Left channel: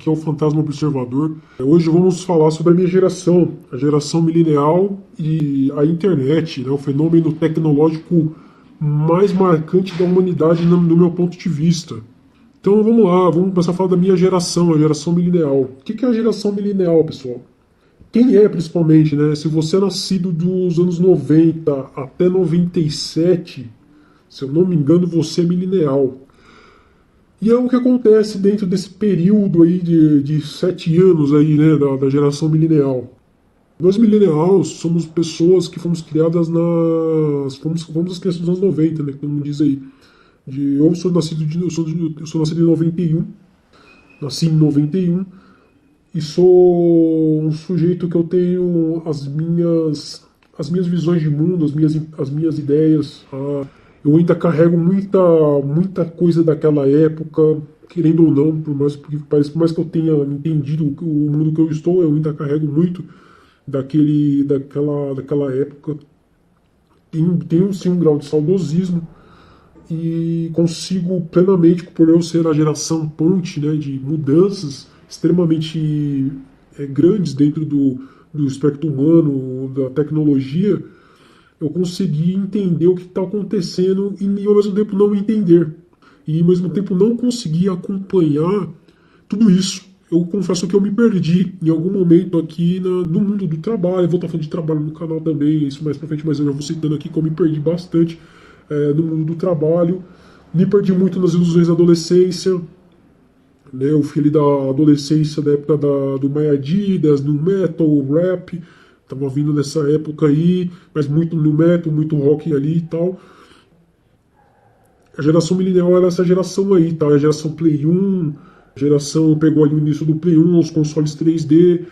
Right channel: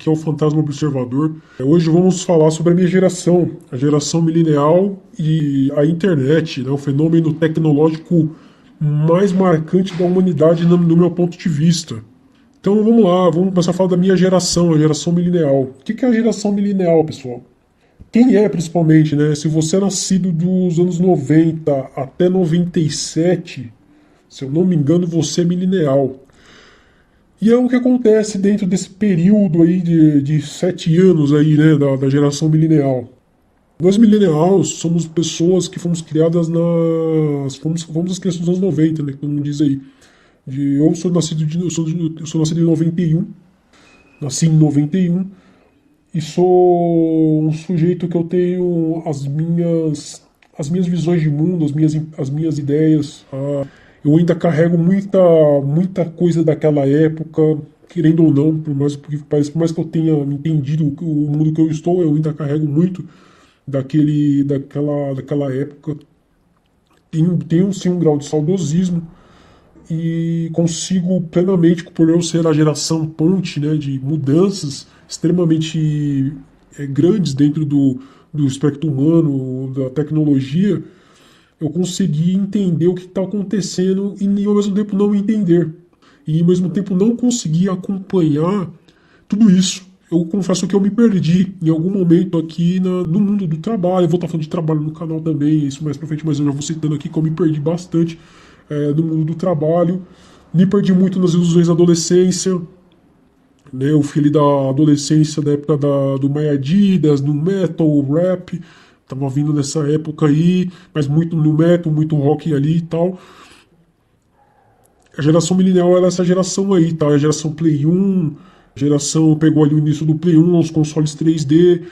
Que é o Fantasma Observador. Hoje vamos falar sobre a minha geração, a geração milenial e a internet, né, o fenômeno tecnológico mais marcante da humanidade no meu ponto de vista. Então vamos lá, vamos começar a falar da minha geração, a geração milenial. O que é a geração milenial, pessoal? Quem é, principalmente, né? Se você é nascido dos anos 90 até 97, se eu não me engano, você é milenial. E é o que acontece dentro desse período aí de 7 anos aí, né, da geração milenial. Nós millennials somos pessoas que fomos criadas fomos as crianças dos anos 90, né, que todo mundo diz aí. Eu sou nascido eu sou nascido em 91, nasci em 91 e sou um sujeito que eu tenho as minhas visões de mundo, as minhas ideias. Eu ainda carrego muita coisa daquela época, querendo ou não, por mais que eu tenha entendido o mundo que eu estou, eu ainda carrego muito daquela época. Tenho sim um grau de saudosismo e consigo plenamente, por eu ser a geração ponte, né, de mudanças extremamente grandes dentro do espectro humano, da tecnologia, eu consegui entender o que está acontecendo e ao mesmo tempo não entender. E ao mesmo tempo não conseguir acompanhar tudo isso. Eu confesso que eu me perdi em algum momento aqui no mundo do trabalho. Eu vou estar falando de trabalho no canal também, isso mais pra frente, mas eu já vou citando aqui que eu me perdi bastante no mundo do trabalho. Me perdi muito nas ilusões da adolescência. Né? Eu fui ali da adolescência, da época do My Adidas, no metal, rap. Tava vindo nessa época aí, mas muito no metal, muito rock ali e tal. A geração milenial era essa geração aí, tá? A geração Play 1, a geração pegou ali o início do Play 1, os consoles 3D.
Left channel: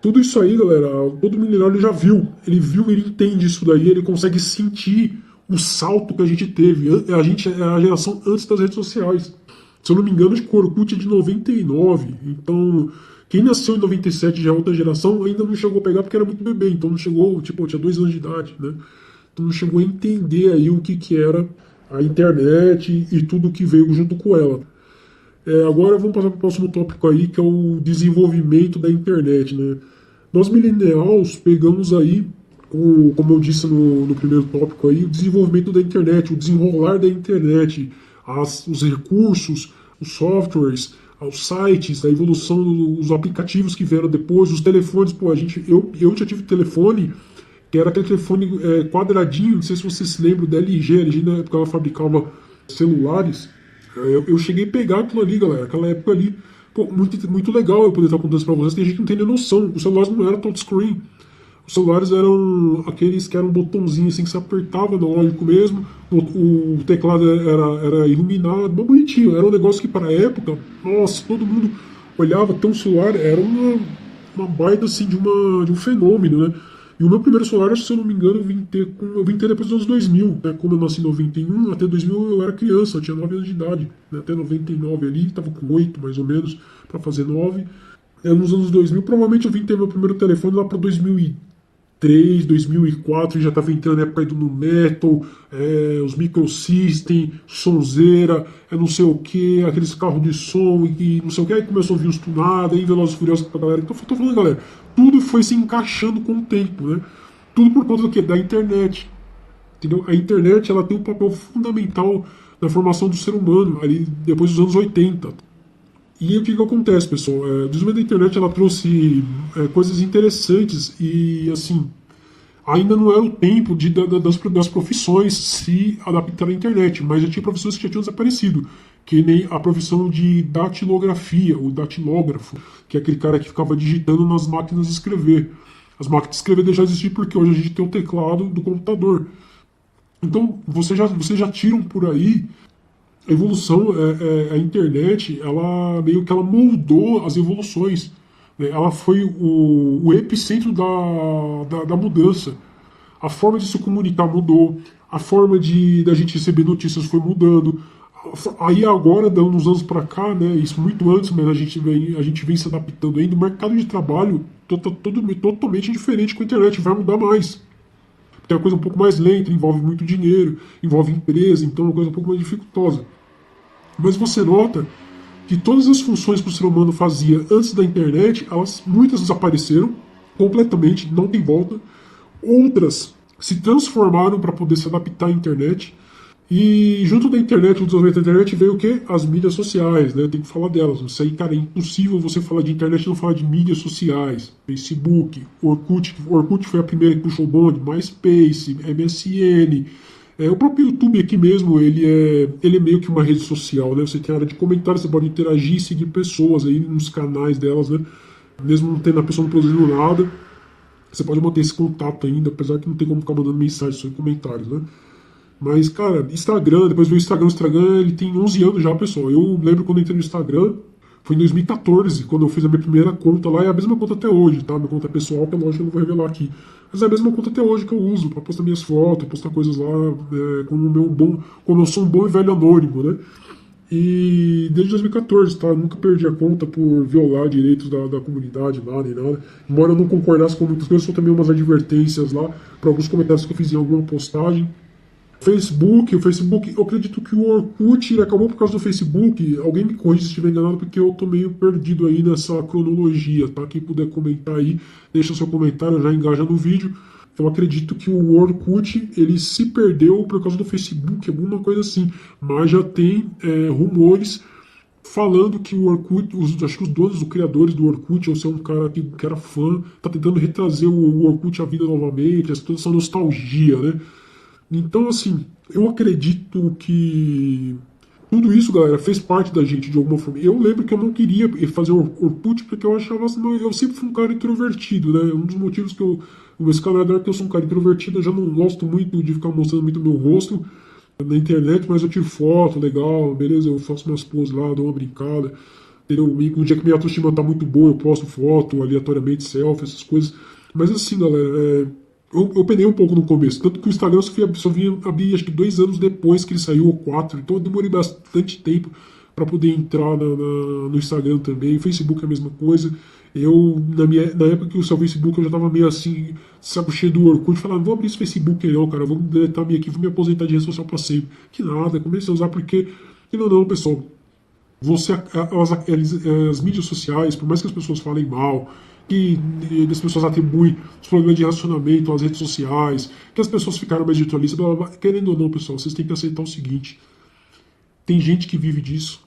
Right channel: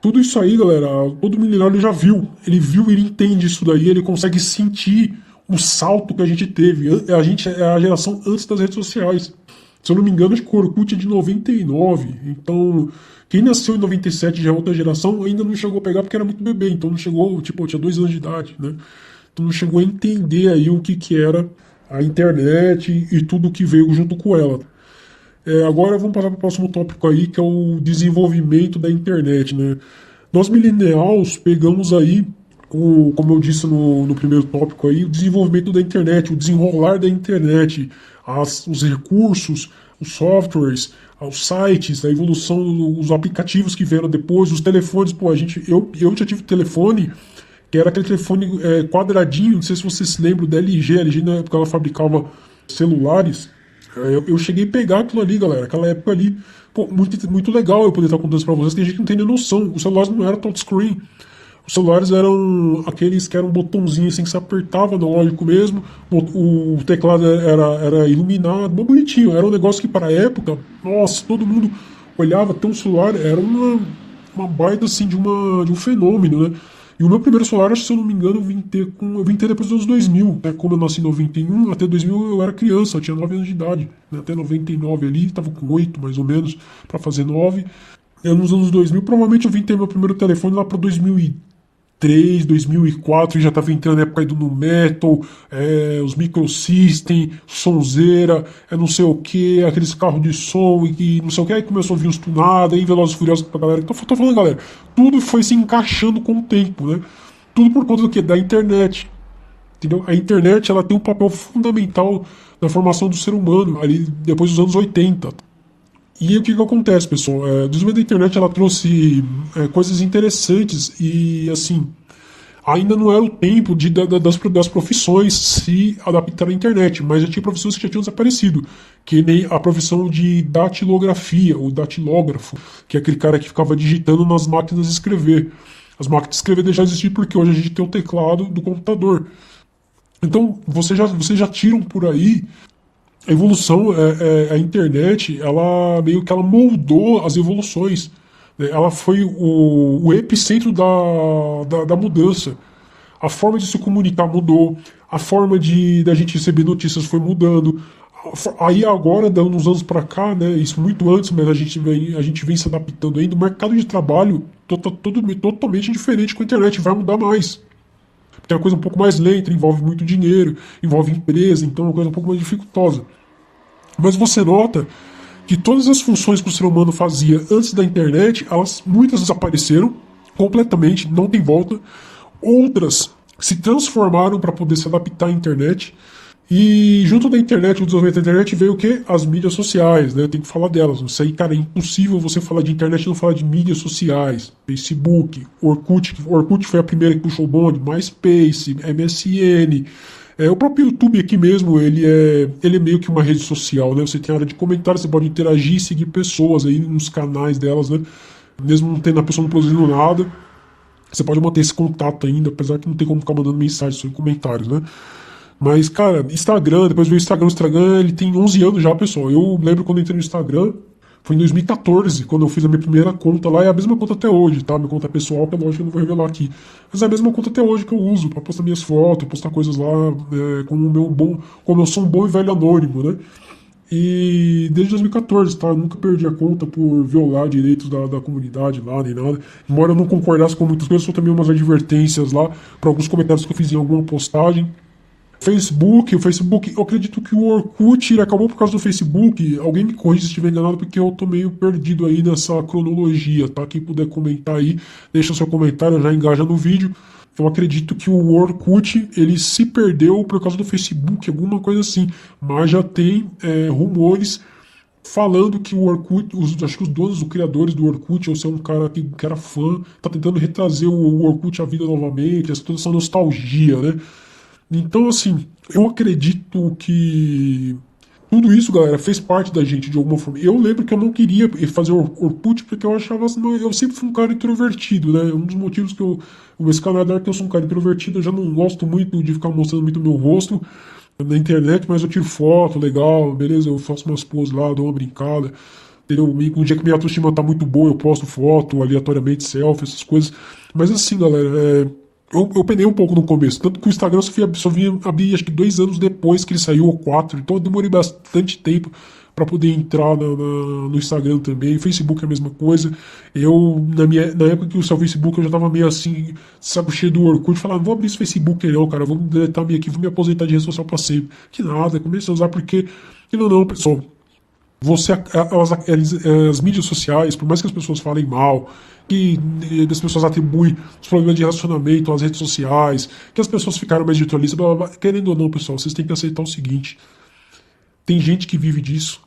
Tudo isso aí, galera, todo milenial ele já viu. Ele viu, ele entende isso daí, ele consegue sentir o salto que a gente teve. A gente é a geração antes das redes sociais. Se eu não me engano, acho que o Orkut é de 99. Então, quem nasceu em 97 já é outra geração, ainda não chegou a pegar porque era muito bebê. Então não chegou, tipo, eu tinha 2 anos de idade, né? Então não chegou a entender aí o que era a internet e tudo que veio junto com ela. Agora vamos passar para o próximo tópico aí, que é o desenvolvimento da internet, né? Nós millennials pegamos aí, como eu disse no primeiro tópico aí, o desenvolvimento da internet, o desenrolar da internet, os recursos, os softwares, os sites, a evolução dos aplicativos que vieram depois, os telefones. Pô, eu já tive telefone, que era aquele telefone quadradinho, não sei se vocês se lembram da LG. A LG na época ela fabricava celulares. Eu cheguei a pegar aquilo ali, galera, aquela época ali. Pô, muito legal eu poder estar contando isso pra vocês. Tem gente que não tem nem noção. Os celulares não eram touchscreen. Os celulares eram aqueles que eram um botãozinho assim que se apertava, analógico mesmo. O teclado era iluminado, bem bonitinho. Era um negócio que para a época, nossa, todo mundo olhava até um celular, era uma baita assim de um fenômeno, né? E o meu primeiro celular, se eu não me engano, eu vim ter depois dos anos 2000, né? Como eu nasci em 91, até 2000 eu era criança, eu tinha 9 anos de idade, né? Até 99 ali, estava com 8 mais ou menos, para fazer 9. Nos anos 2000, provavelmente eu vim ter meu primeiro telefone lá para 2003, 2004, já estava entrando na época aí do nu metal, os microsystem, sonzeira, não sei o que, aqueles carros de som e não sei o que, aí começou a vir os tunados, aí Velozes e Furiosos pra galera. Então, tô falando, galera, tudo foi se encaixando com o tempo, né? Tudo por conta do quê? Da internet, entendeu? A internet, ela tem um papel fundamental na formação do ser humano, ali depois dos anos 80. E o que acontece, pessoal? O desenvolvimento da internet, ela trouxe coisas interessantes e, assim, ainda não era o tempo das profissões se adaptar à internet, mas já tinha profissões que já tinham desaparecido, que nem a profissão de datilografia, o datilógrafo, que é aquele cara que ficava digitando nas máquinas de escrever. As máquinas de escrever deixaram de existir porque hoje a gente tem o teclado do computador. Então, vocês já tiram por aí a evolução, a internet, ela meio que ela moldou as evoluções. Né? Ela foi o epicentro da mudança. A forma de se comunicar mudou, a forma da gente receber notícias foi mudando. Aí agora, dando uns anos para cá, né, isso muito antes, mas a gente vem se adaptando ainda. O mercado de trabalho totalmente diferente com a internet, vai mudar mais. Porque é uma coisa um pouco mais lenta, envolve muito dinheiro, envolve empresa, então é uma coisa um pouco mais dificultosa. Mas você nota que todas as funções que o ser humano fazia antes da internet, muitas desapareceram completamente, não tem volta. Outras se transformaram para poder se adaptar à internet. E junto da internet, o desenvolvimento da internet, veio o quê? As mídias sociais, né? Tem que falar delas. Isso aí, cara, é impossível você falar de internet e não falar de mídias sociais. Facebook, Orkut foi a primeira que puxou o bonde, MySpace, MSN. O próprio YouTube aqui mesmo, ele é meio que uma rede social, né? Você tem área de comentários, você pode interagir e seguir pessoas aí nos canais delas, né? Mesmo não tendo a pessoa não produzindo nada, você pode manter esse contato ainda, apesar que não tem como ficar mandando mensagem só em comentários, né? Mas, cara, Instagram, depois veio o Instagram, ele tem 11 anos já, pessoal. Eu lembro quando eu entrei no Instagram, foi em 2014, quando eu fiz a minha primeira conta lá, é a mesma conta até hoje, tá? Minha conta pessoal, que é lógico que eu não vou revelar aqui. Mas é a mesma conta até hoje que eu uso pra postar minhas fotos, postar coisas lá, como eu sou um bom e velho anônimo, né? E desde 2014, tá? Eu nunca perdi a conta por violar direitos da comunidade lá, nem nada. Embora eu não concordasse com muitas coisas, só também umas advertências lá, para alguns comentários que eu fiz em alguma postagem. O Facebook, eu acredito que o Orkut ele acabou por causa do Facebook. Alguém me corrija se estiver enganado, porque eu tô meio perdido aí nessa cronologia, tá? Quem puder comentar aí, deixa seu comentário, já engaja no vídeo. Eu acredito que o Orkut ele se perdeu por causa do Facebook, alguma coisa assim. Mas já tem rumores falando que o Orkut, acho que os donos, os criadores do Orkut, ou se é um cara que era fã, tá tentando retrazer o Orkut à vida novamente, toda essa nostalgia, né? Então, assim, eu acredito que tudo isso, galera, fez parte da gente de alguma forma. Eu lembro que eu não queria fazer Orkut porque eu achava assim, eu sempre fui um cara introvertido, né? Um dos motivos que esse canal é que eu sou um cara introvertido, eu já não gosto muito de ficar mostrando muito meu rosto na internet, mas eu tiro foto, legal, beleza, eu faço umas poses lá, dou uma brincada, entendeu? Um dia que minha autoestima tá muito boa, eu posto foto aleatoriamente, selfie, essas coisas. Mas assim, galera, eu penei um pouco no começo, tanto que o Instagram só vinha abrir acho que 2 anos depois que ele saiu, ou 4, então eu demorei bastante tempo para poder entrar no Instagram também. O Facebook é a mesma coisa. Na época que eu usava o Facebook, eu já tava meio assim, saco cheio do Orkut, falava, não vou abrir esse Facebook aí não, cara, vou deletar minha aqui, vou me aposentar de rede social para sempre. Que nada, comecei a usar porque, não, pessoal, as mídias sociais, por mais que as pessoas falem mal, que as pessoas atribuem os problemas de relacionamento às redes sociais, que as pessoas ficaram mais virtualistas, blá, blá, blá. Querendo ou não, pessoal, vocês têm que aceitar o seguinte: tem gente que vive disso.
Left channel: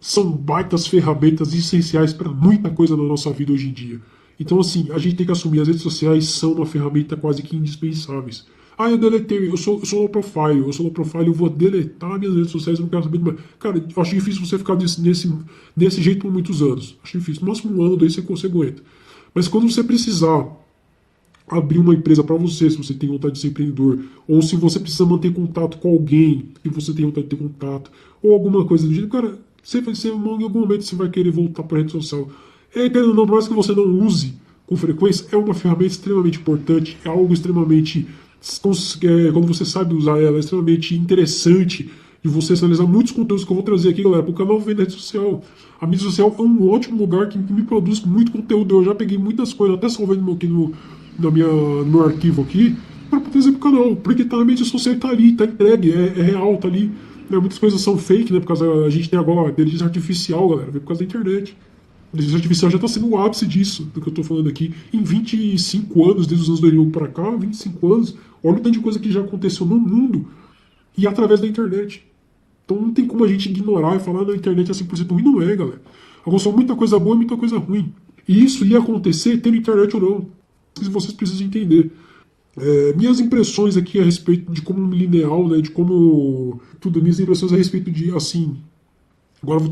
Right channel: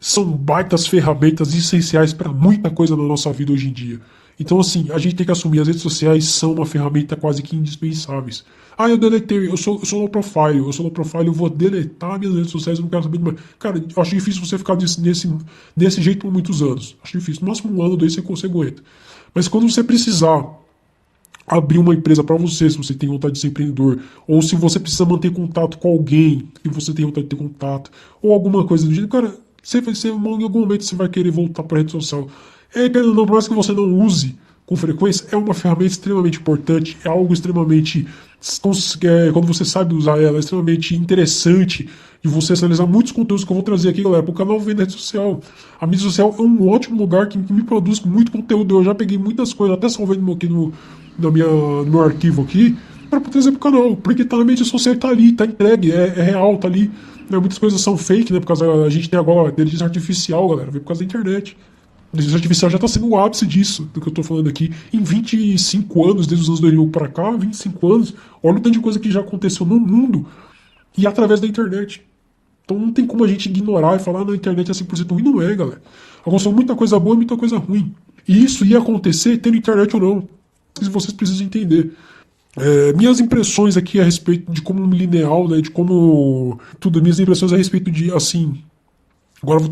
São baitas ferramentas essenciais para muita coisa na nossa vida hoje em dia. Então, assim, a gente tem que assumir, as redes sociais são uma ferramenta quase que indispensáveis. Eu deletei, eu sou low profile, eu vou deletar minhas redes sociais, eu não quero saber de mais. Cara, eu acho difícil você ficar desse jeito por muitos anos. Acho difícil. No máximo 1 ano, 2 você consegue aguenta. Mas quando você precisar abrir uma empresa para você, se você tem vontade de ser empreendedor, ou se você precisa manter contato com alguém que você tem vontade de ter contato, ou alguma coisa do jeito, cara, em algum momento você vai querer voltar para a rede social. Por mais que você não use com frequência, é uma ferramenta extremamente importante, é algo extremamente, quando você sabe usar ela, é extremamente interessante de você analisar muitos conteúdos que eu vou trazer aqui, galera, para o canal Vem da Rede Social. A mídia social é um ótimo lugar que me produz muito conteúdo. Eu já peguei muitas coisas, até salvei aqui no meu arquivo aqui, para trazer pro canal, porque tá na mídia social, tá ali, tá entregue, é real, tá ali. Muitas coisas são fake, né? Por causa a gente tem agora inteligência artificial, galera, por causa da internet. A inteligência artificial já tá sendo o ápice disso, do que eu tô falando aqui. Em 25 anos, desde os anos 2000 para cá, 25 anos, olha o tanto de coisa que já aconteceu no mundo e através da internet. Então não tem como a gente ignorar e falar na internet é 100% ruim, não é, galera. Agora só muita coisa boa e muita coisa ruim. E isso ia acontecer tendo internet ou não. Vocês precisam entender. Minhas impressões aqui a respeito de como lineal, né, de como tudo, minhas impressões a respeito de, assim, agora eu vou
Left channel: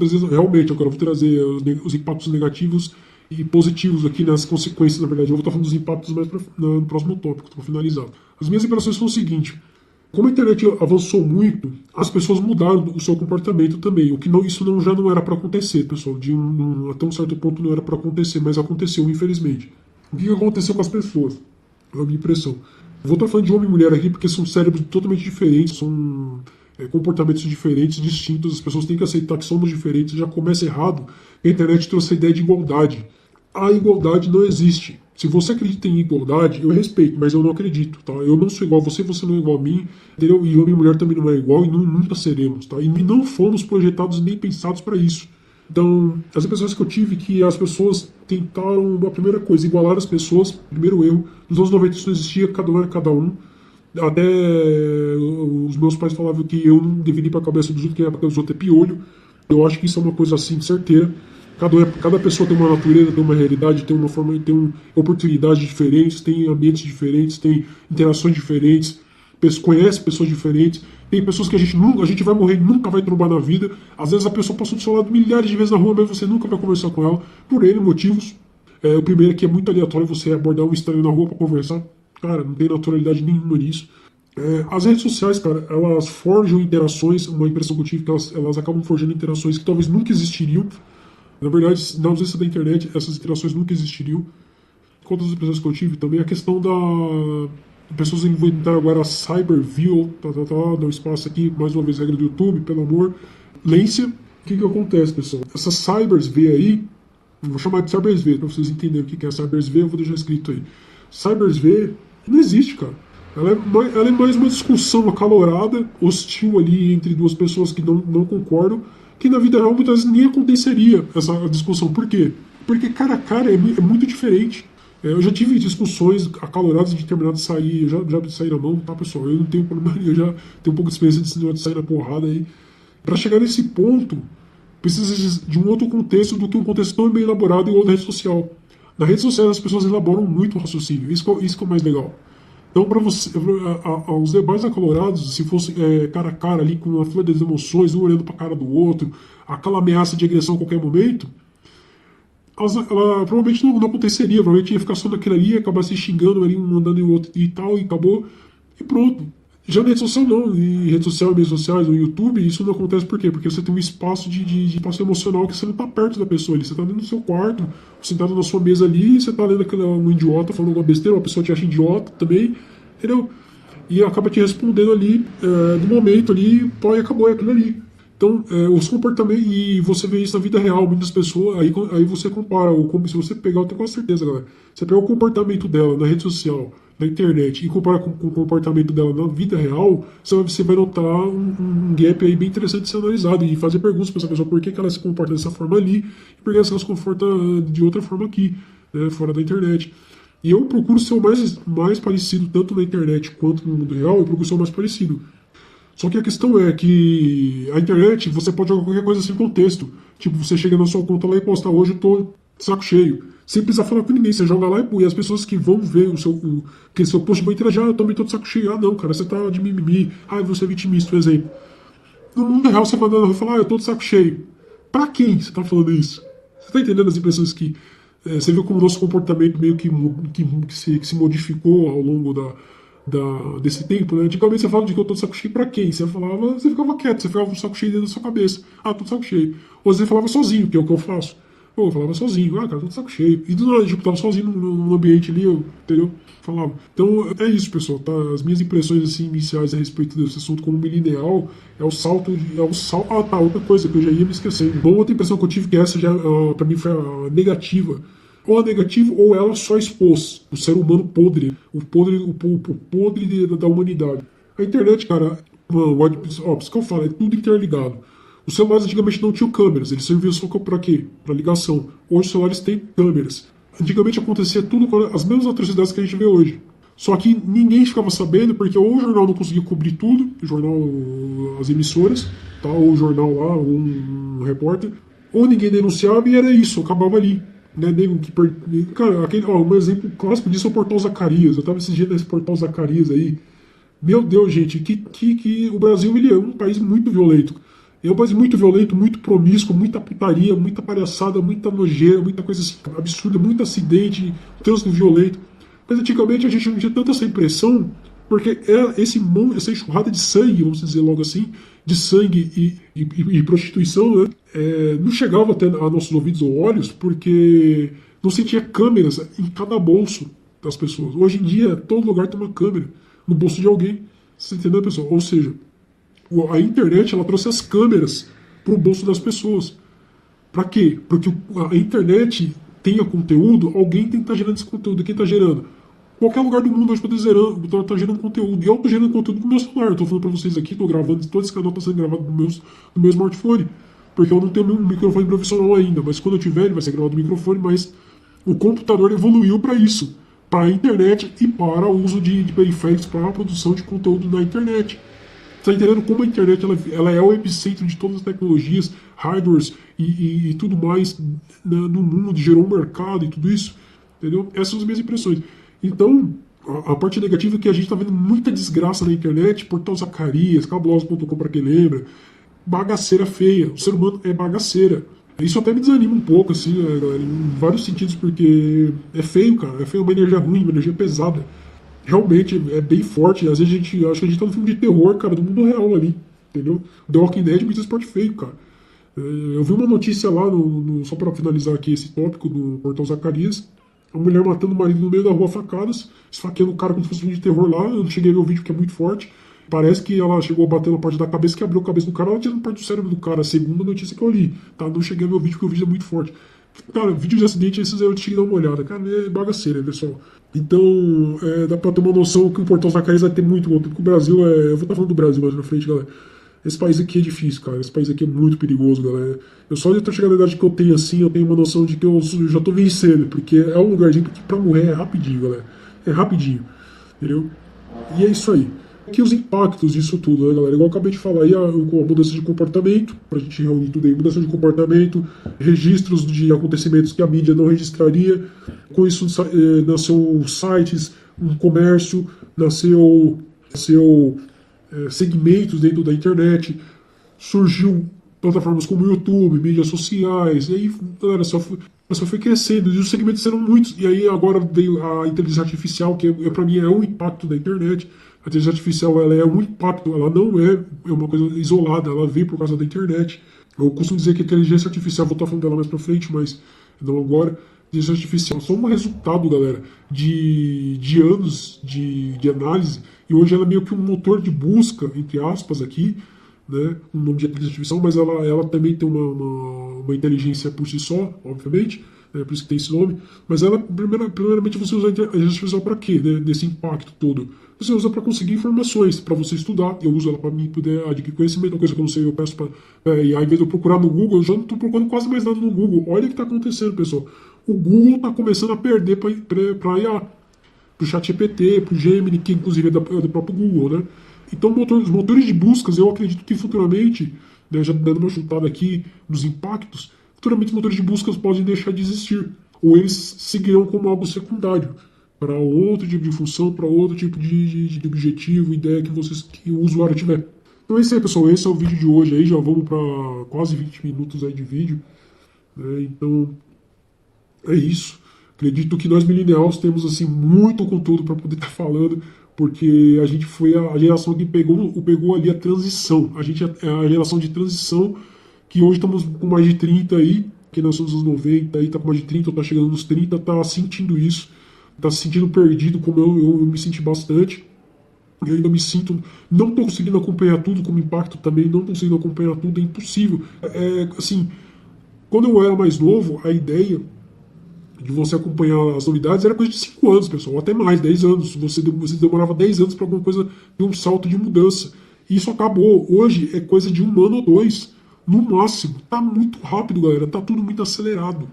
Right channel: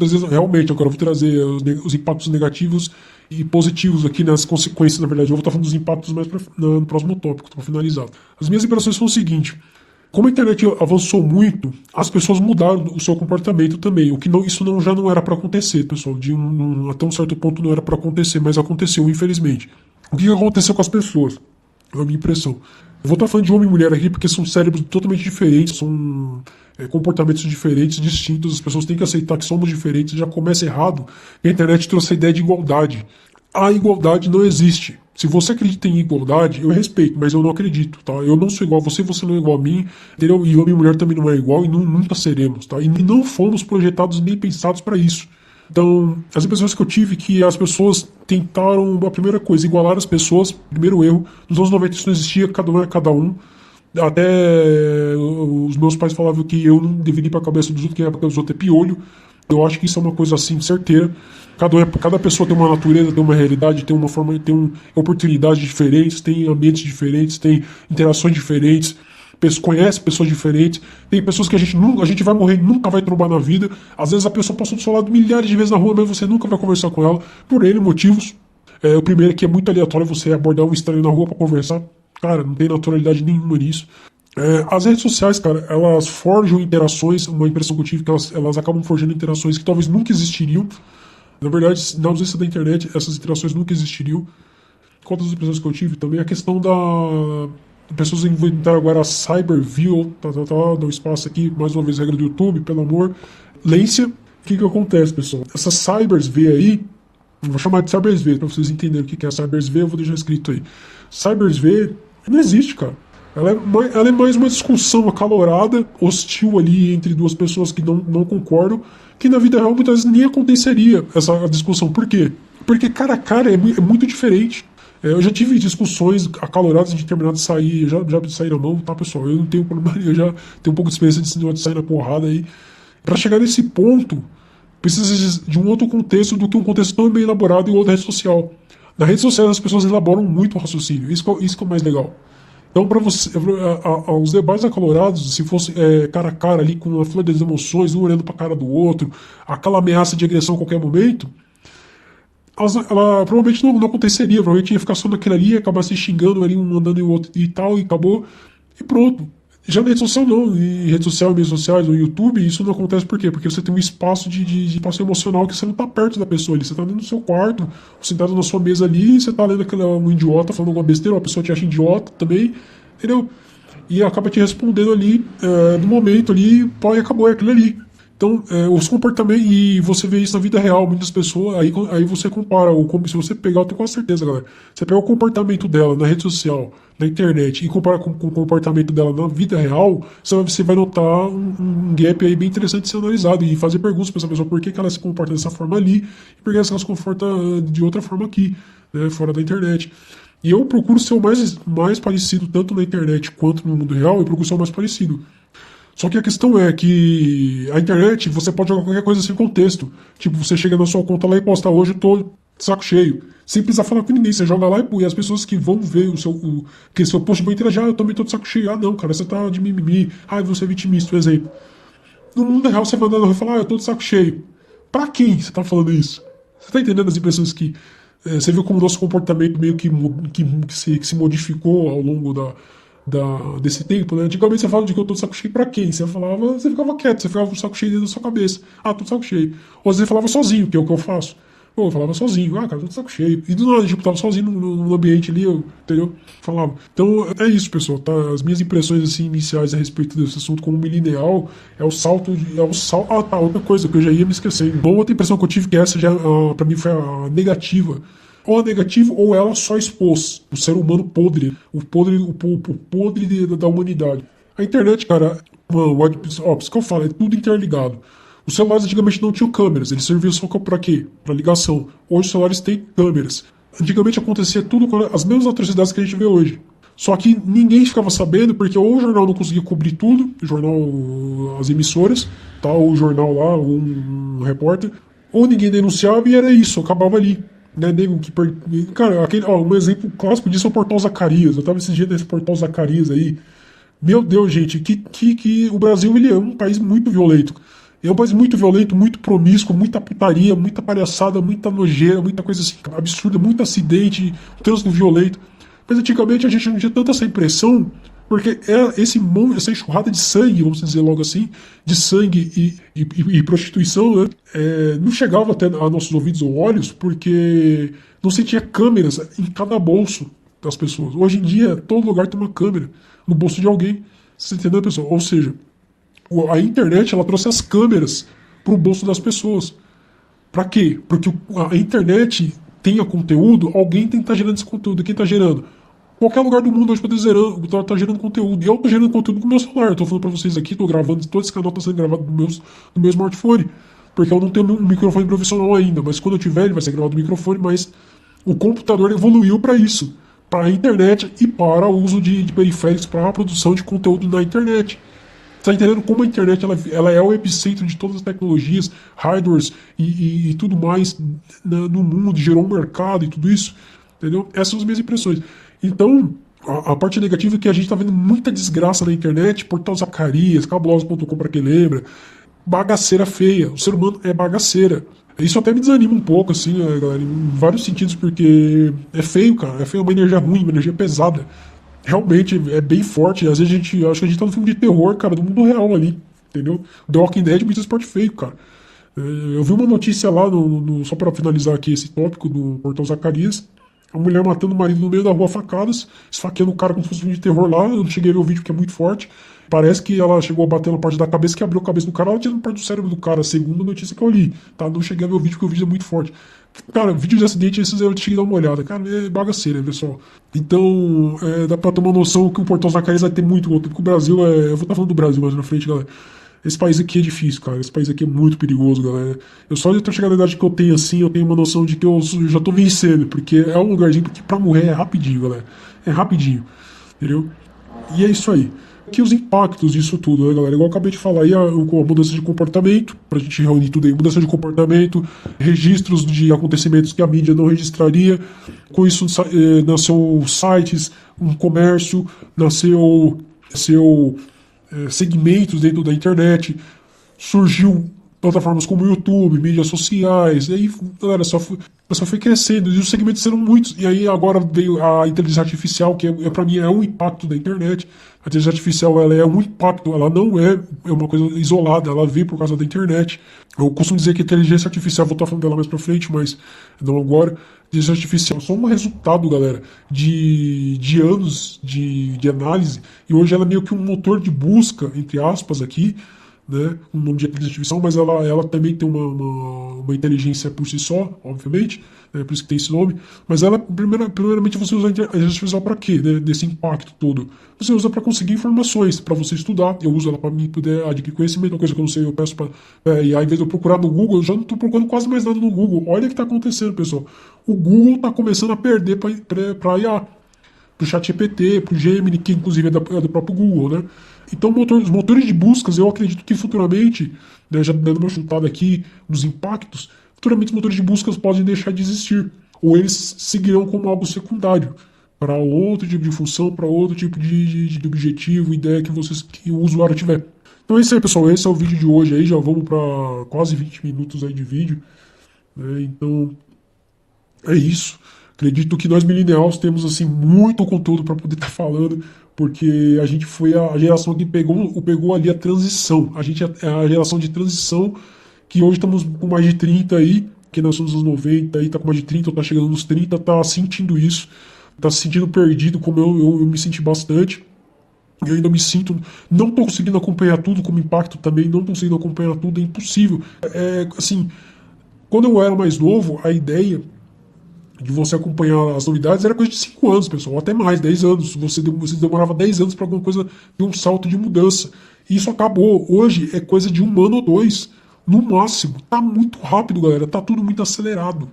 trazer os impactos negativos e positivos aqui nas consequências, na verdade, eu vou estar falando dos impactos mais no próximo tópico, para finalizar. As minhas impressões são o seguinte: como a internet avançou muito, as pessoas mudaram o seu comportamento também, o que já não era para acontecer, pessoal, até um certo ponto não era para acontecer, mas aconteceu, infelizmente. O que aconteceu com as pessoas? É a minha impressão. Eu vou estar falando de homem e mulher aqui porque são cérebros totalmente diferentes, são comportamentos diferentes, distintos. As pessoas têm que aceitar que somos diferentes. Já começa errado. A internet trouxe a ideia de igualdade. A igualdade não existe. Se você acredita em igualdade, eu respeito, mas eu não acredito, tá? Eu não sou igual a você, você não é igual a mim, entendeu? E homem e mulher também não é igual e nunca seremos, tá? E não fomos projetados nem pensados para isso. Então, as impressões que eu tive que as pessoas tentaram, a primeira coisa, igualar as pessoas, primeiro erro. Nos anos 90 isso não existia, cada um era cada um. Até os meus pais falavam que eu não deveria ir pra cabeça dos outros, quem é pra cabeça dos outros é piolho. Eu acho que isso é uma coisa assim, certeira. Cada pessoa tem uma natureza, tem uma realidade, tem uma forma, oportunidades diferentes, tem ambientes diferentes, tem interações diferentes, conhece pessoas diferentes. Tem pessoas que a gente vai morrer e nunca vai trombar na vida. Às vezes a pessoa passou do seu lado milhares de vezes na rua, mas você nunca vai conversar com ela por N motivos. O primeiro é que é muito aleatório você abordar um estranho na rua para conversar. Cara, não tem naturalidade nenhuma nisso. As redes sociais, cara, elas forjam interações, uma impressão que eu tive que elas acabam forjando interações que talvez nunca existiriam. Na verdade, na ausência da internet, essas interações nunca existiriam. Quantas impressões que eu tive também, a questão da... Pessoas inventaram agora a Cyberview, no espaço aqui, mais uma vez, regra do YouTube, pelo amor. Lência, o que acontece, pessoal? Essa Cybers V aí, vou chamar de Cybers V, para vocês entenderem o que é a Cybers V, eu vou deixar escrito aí. Cybers V não existe, cara. Ela é mais uma discussão acalorada, hostil ali entre duas pessoas que não concordam, que na vida real muitas vezes nem aconteceria essa discussão. Por quê? Porque cara a cara é muito diferente. Eu já tive discussões acaloradas de terminar de sair, já saí na mão, tá, pessoal? Eu não tenho problema, eu já tenho um pouco de experiência de sair na porrada aí. Pra chegar nesse ponto, precisa de um outro contexto do que um contexto tão bem elaborado em outra rede social. Na rede social as pessoas elaboram muito o raciocínio, isso que é o mais legal. Então, para você, os debates acalorados, se fosse cara a cara ali, com a flor das emoções, um olhando para a cara do outro, aquela ameaça de agressão a qualquer momento, ela provavelmente não aconteceria. Provavelmente ia ficar só naquilo ali, acabar se xingando ali, um mandando o outro e tal, e acabou, e pronto. Já na rede social não, em rede social, mídias sociais, no YouTube, isso não acontece por quê? Porque você tem um espaço de espaço emocional que você não está perto da pessoa ali, você está dentro do seu quarto, sentado na sua mesa ali, você está lendo um idiota falando alguma besteira, uma pessoa te acha idiota também, entendeu? E acaba te respondendo ali, no momento ali, pô, e acabou, é aquilo ali. Então, os comportamentos, e você vê isso na vida real, muitas pessoas, aí você compara, se você pegar, eu tenho quase certeza, galera, você pega o comportamento dela na rede social, na internet, e compara com o comportamento dela na vida real, você vai notar um gap aí bem interessante de ser analisado, e fazer perguntas para essa pessoa, por que ela se comporta dessa forma ali, e por que ela se comporta de outra forma aqui, né, fora da internet. E eu procuro ser o mais parecido, tanto na internet quanto no mundo real, eu procuro ser o mais parecido. Só que a questão é que a internet, você pode jogar qualquer coisa sem contexto. Tipo, você chega na sua conta lá e posta, hoje eu tô de saco cheio. Sem precisar falar com ninguém, você joga lá e as pessoas que vão ver que seu post vão interagir, eu também tô de saco cheio. Ah, não, cara, você tá de mimimi. Ah, você é vitimista, por exemplo. No mundo real, você vai andando na rua e fala, eu tô de saco cheio. Pra quem você tá falando isso? Você tá entendendo as impressões que... você viu como o nosso comportamento meio que se modificou ao longo desse tempo, né? Antigamente você falava de que eu tô de saco cheio pra quem? Você ficava quieto, você ficava com o saco cheio dentro da sua cabeça. Ah, tô de saco cheio. Ou você falava sozinho, que é o que eu faço. Eu falava sozinho, cara, tô de saco cheio. E do nada, tipo, tava sozinho no ambiente ali, entendeu? Falava. Então, é isso, pessoal, tá? As minhas impressões, assim, iniciais a respeito desse assunto como milenial é o salto. Ah, tá, outra coisa que eu já ia me esquecer. Uma outra impressão que eu tive, que essa já, pra mim, foi a negativa. Ou a negativa, ou ela só expôs o ser humano podre, o podre da humanidade. A internet, cara, mano, isso que eu falo, é tudo interligado. Os celulares antigamente não tinham câmeras, eles serviam só pra quê? Pra ligação. Hoje os celulares têm câmeras. Antigamente acontecia tudo com as mesmas atrocidades que a gente vê hoje. Só que ninguém ficava sabendo, porque ou o jornal não conseguia cobrir tudo, o jornal, as emissoras, tá, ou o jornal lá, um repórter, ou ninguém denunciava e era isso, acabava ali. Né, cara, um exemplo clássico disso é o Portal Zacarias. Eu tava esses dias nesse Portal Zacarias aí. Meu Deus, gente, que o Brasil ele é um país muito violento. É um país muito violento, muito promíscuo, muita putaria, muita palhaçada, muita nojeira, muita coisa assim absurda, muito acidente, trânsito violento. Mas antigamente a gente não tinha tanta essa impressão, porque essa enxurrada de sangue, vamos dizer logo assim, de sangue e prostituição, né, não chegava até a nossos ouvidos ou olhos, porque não se tinha câmeras em cada bolso das pessoas. Hoje em dia, todo lugar tem uma câmera no bolso de alguém. Você entendeu, pessoal? Ou seja, a internet ela trouxe as câmeras para o bolso das pessoas. Para quê? Porque a internet tenha conteúdo, alguém tem que estar gerando esse conteúdo. Quem está gerando? Qualquer lugar do mundo hoje tá gerando conteúdo. E eu tô gerando conteúdo com o meu celular. Eu tô falando pra vocês aqui, tô gravando, todo esse canal tá sendo gravado no meu smartphone. porque eu não tenho um microfone profissional ainda, mas quando eu tiver ele vai ser gravado no microfone, mas o computador evoluiu para isso, para a internet e para o uso de periféricos para a produção de conteúdo na internet. Tá entendendo como a internet ela é o epicentro de todas as tecnologias, hardwares e tudo mais no mundo, gerou um mercado e tudo isso, entendeu? Essas são as minhas impressões. Então, a parte negativa é que a gente tá vendo muita desgraça na internet, Portal Zacarias, cabuloso.com para quem lembra, bagaceira feia, o ser humano é bagaceira. Isso até me desanima um pouco, assim, né, galera, em vários sentidos, porque é feio, cara, é feio, uma energia ruim, uma energia pesada. Realmente é bem forte. Às vezes acho que a gente tá no filme de terror, cara, do mundo real ali, entendeu? The Walking Dead me transporte feio, cara. Eu vi uma notícia lá, só para finalizar aqui esse tópico do Portão Zacarias, a mulher matando o marido no meio da rua a facadas, esfaqueando o cara como se fosse um filme de terror lá. Eu não cheguei a ver o vídeo porque é muito forte. Parece que ela chegou a bater na parte da cabeça, que abriu a cabeça do cara, ela tirou parte do cérebro do cara, segundo a notícia que eu li. Tá? Não cheguei a ver o vídeo porque o vídeo é muito forte. Cara, vídeo de acidente, esses eu cheguei a dar uma olhada. Cara, é bagaceira, pessoal. Então, dá pra ter uma noção que o Portão Zacarias vai ter muito conteúdo, porque o Brasil eu vou estar falando do Brasil mais na frente, galera. Esse país aqui é difícil, cara. Esse país aqui é muito perigoso, galera. Eu só de ter chegado na idade que eu tenho assim, eu tenho uma noção de que eu já tô vencendo, porque é um lugarzinho que pra morrer é rapidinho, galera. É rapidinho, entendeu? E é isso aí. Aqui os impactos disso tudo, né, galera? Igual eu acabei de falar aí, a mudança de comportamento, pra gente reunir tudo aí, mudança de comportamento, registros de acontecimentos que a mídia não registraria. Com isso nasceu sites, um comércio, nasceu segmentos dentro da internet, surgiu plataformas como o YouTube, mídias sociais, e aí, galera, só foi crescendo, e os segmentos eram muitos, e aí agora veio a inteligência artificial, que para mim é um impacto da internet. A inteligência artificial ela é um impacto, ela não é uma coisa isolada, ela veio por causa da internet. Eu costumo dizer que a inteligência artificial, vou estar falando dela mais pra frente, mas não agora. Inteligência artificial é só um resultado, galera, de anos de análise, e hoje ela é meio que um motor de busca, entre aspas, aqui, né, um nome de inteligência artificial, mas ela também tem uma inteligência por si só, obviamente, né, por isso que tem esse nome, mas ela, primeiramente, você usa a inteligência artificial para quê, né, desse impacto todo? Você usa para conseguir informações, para você estudar, eu uso ela para mim poder adquirir conhecimento, uma coisa que eu não sei, eu peço para... e aí, ao invés de eu procurar no Google, eu já não estou procurando quase mais nada no Google. Olha o que está acontecendo, pessoal. O Google está começando a perder para IA, para o ChatGPT, para o Gemini, que inclusive é do próprio Google, né? Então, os motores de buscas, eu acredito que futuramente, né, já dando uma chutada aqui nos impactos, futuramente os motores de buscas podem deixar de existir. Ou eles seguirão como algo secundário, para outro tipo de função, para outro tipo de objetivo, ideia que o usuário tiver. Então é isso aí, pessoal. Esse é o vídeo de hoje aí. Já vamos para quase 20 minutos aí de vídeo, né? Então, é isso. Acredito que nós millennials temos assim muito conteúdo para poder estar falando, porque a gente foi a geração que pegou ali a transição. A gente é a geração de transição que hoje estamos com mais de 30 aí, que nós somos nos 90 aí, tá com mais de 30, tá chegando nos 30, tá sentindo isso, tá se sentindo perdido, como eu me senti bastante. Eu ainda me sinto, não tô conseguindo acompanhar tudo, como impacto também, não tô conseguindo acompanhar tudo, é impossível. Assim, quando eu era mais novo, a ideia de você acompanhar as novidades era coisa de 5 anos, pessoal, ou até mais, 10 anos. Você demorava 10 anos para alguma coisa ter um salto de mudança. E isso acabou. Hoje é coisa de 1 ano ou 2, no máximo. Tá muito rápido, galera. Tá tudo muito acelerado.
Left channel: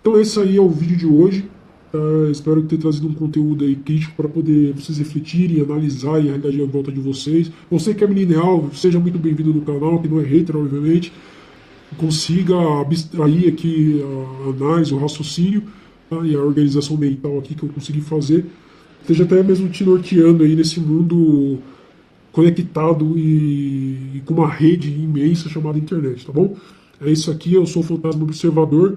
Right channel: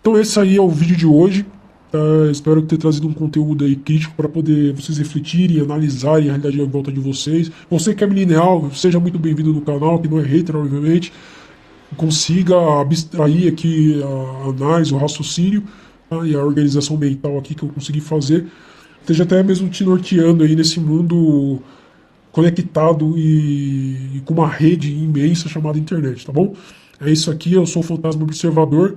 Então esse aí é o vídeo de hoje. Espero ter trazido um conteúdo aí crítico para poder vocês refletirem, analisarem a realidade em volta de vocês. Você que é milenial, seja muito bem-vindo no canal, que não é hater, obviamente. Consiga abstrair aqui a análise, o raciocínio, tá? E a organização mental aqui que eu consegui fazer, esteja até mesmo te norteando aí nesse mundo conectado e com uma rede imensa chamada internet, tá bom? É isso aqui, eu sou o Fantasma Observador.